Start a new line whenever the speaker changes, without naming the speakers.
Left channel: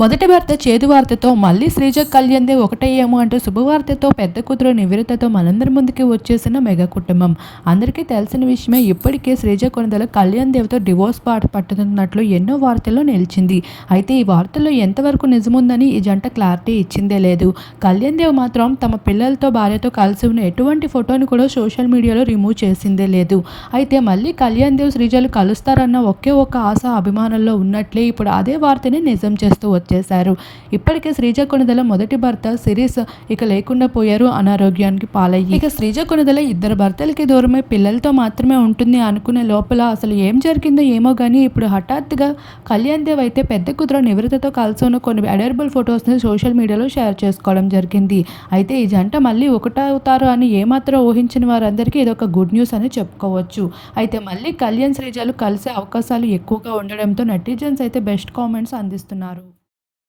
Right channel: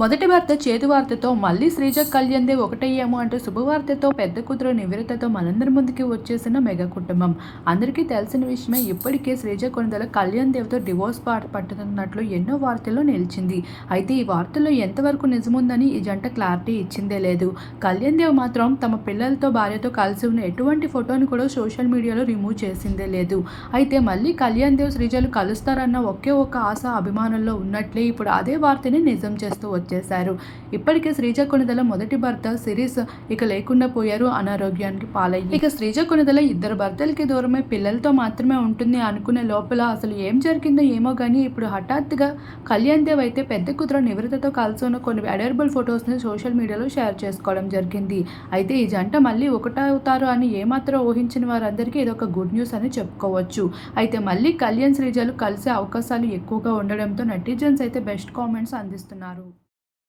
మొదటి భర్త చేదు వార్తతో మళ్ళీ శ్రీజ కళ్యాణ్దే ఒకటయ్యేమో అంటూ శుభవార్తతో పెద్ద కూతురు నివేదితతో మనందరి ముందుకి వచ్చేసిన మెగా కుటుంబం. అందరికీ తెలిసిన విషయమే ఇప్పటికే శ్రీజ కొనదల కళ్యాణ్ దేవ్తో డివోర్స్ పాట పట్టుతున్నట్లు ఎన్నో వార్తల్లో నిలిచింది. అయితే ఈ వార్తల్లో ఎంతవరకు నిజముందని ఈ జంట క్లారిటీ ఇచ్చిందే లేదు. కళ్యాణ్ దేవ్ మాత్రం తమ పిల్లలతో భార్యతో కలిసి ఉన్న ఎటువంటి ఫోటోని కూడా సోషల్ మీడియాలో రిమూవ్ చేసిందే లేదు. అయితే మళ్ళీ కళ్యాణ్ దేవ్ శ్రీజలు కలుస్తారన్న ఒకే ఒక ఆశ అభిమానుల్లో ఉన్నట్లే ఇప్పుడు అదే వార్తని నిజం చేస్తూ చేశారు. ఇప్పటికే శ్రీజ కొనదల మొదటి భర్త సిరీస్ ఇక లేకుండా పోయారు అనారోగ్యానికి పాలయ్యి. ఇక శ్రీజ కొనిదల ఇద్దరు భర్తలకి దూరమే పిల్లలతో మాత్రమే ఉంటుంది అనుకునే లోపల అసలు ఏం జరిగిందో ఏమో కానీ ఇప్పుడు హఠాత్తుగా కళ్యాణ్ దేవ్ అయితే పెద్ద కుదుర నివృత్తతో కలిసి ఉన్న కొన్ని అడర్బుల్ ఫొటోస్ని సోషల్ మీడియాలో షేర్ చేసుకోవడం జరిగింది. అయితే ఈ జంట మళ్ళీ ఒకటవుతారు అని ఏమాత్రం ఊహించిన వారందరికీ ఇది ఒక గుడ్ న్యూస్ అని చెప్పుకోవచ్చు. అయితే మళ్ళీ కళ్యాణ్ శ్రీజలు కలిసే అవకాశాలు ఎక్కువగా ఉండడంతో నెటిజన్స్ అయితే బెస్ట్ కామెంట్స్ అందిస్తున్నారు.